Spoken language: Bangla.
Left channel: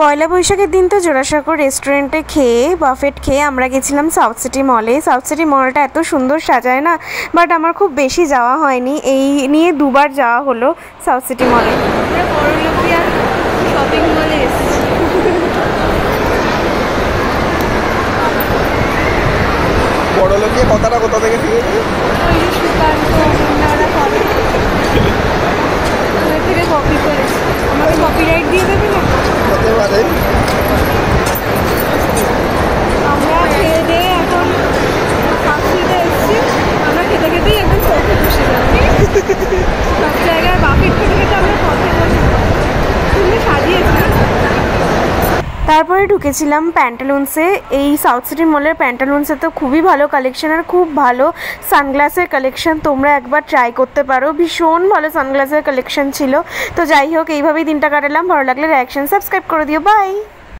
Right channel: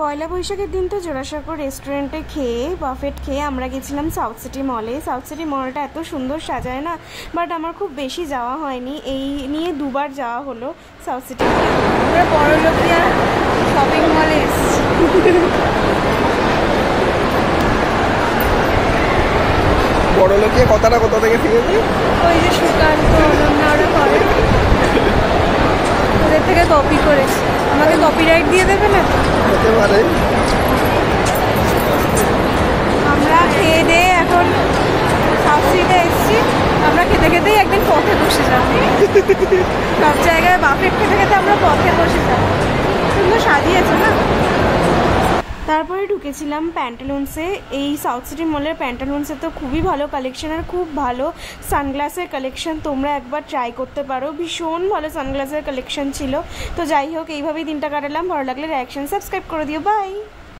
পয়লা বৈশাখের দিন তো জোড়াসাঁকো রেস্টুরেন্টে খেয়ে বাফেট খেয়ে আমরা গেছিলাম সাউথ সিটি মলে। সাউথ সিটি মলটা এত সুন্দর সাজায় না, বাট আমার খুব বেশি যাওয়া হয়নি, এই নিয়ে দুবার যাওয়া হলো সাউথ সিটি মলে। আমরা বড়লোকিয়া শপিং মলে এসেছি। বড়লোকিয়া কথাটা কোথা থেকে শিখেছি? ওই যে সুকান্ত অনন্যা ওরা করে, ওদের থেকে কপি করেছি। আমাদের কপিরাইট দিয়ে দেবে না? হতে পারে। আমরা খেয়ে দিয়ে এখন সাউথ সিটিতে এসেছি। আমরা খেতে খেতেই একদিন ফটো তুলছিলাম, সব জায়গায় বাফেট খেতে খেতে আমরা পথে বসেছিলাম। সুন্দর সাজিয়েছে না? তারপরে ঢুকেছিলাম প্যান্টালুন্সে। এই সাউথ সিটি মলের প্যান্টালুন্সে তো খুবই ভালো কালেকশন, আর খুব ভালো সানগ্লাসের কালেকশন। তোমরা একবার ট্রাই করতে পারো, ভীষণ ভালো সানগ্লাসের কালেকশন ছিল। তো যাই হোক, এইভাবেই দিনটা কাটালাম। ভালো লাগলে রিঅ্যাকশন সাবস্ক্রাইব করে দিও। বাই।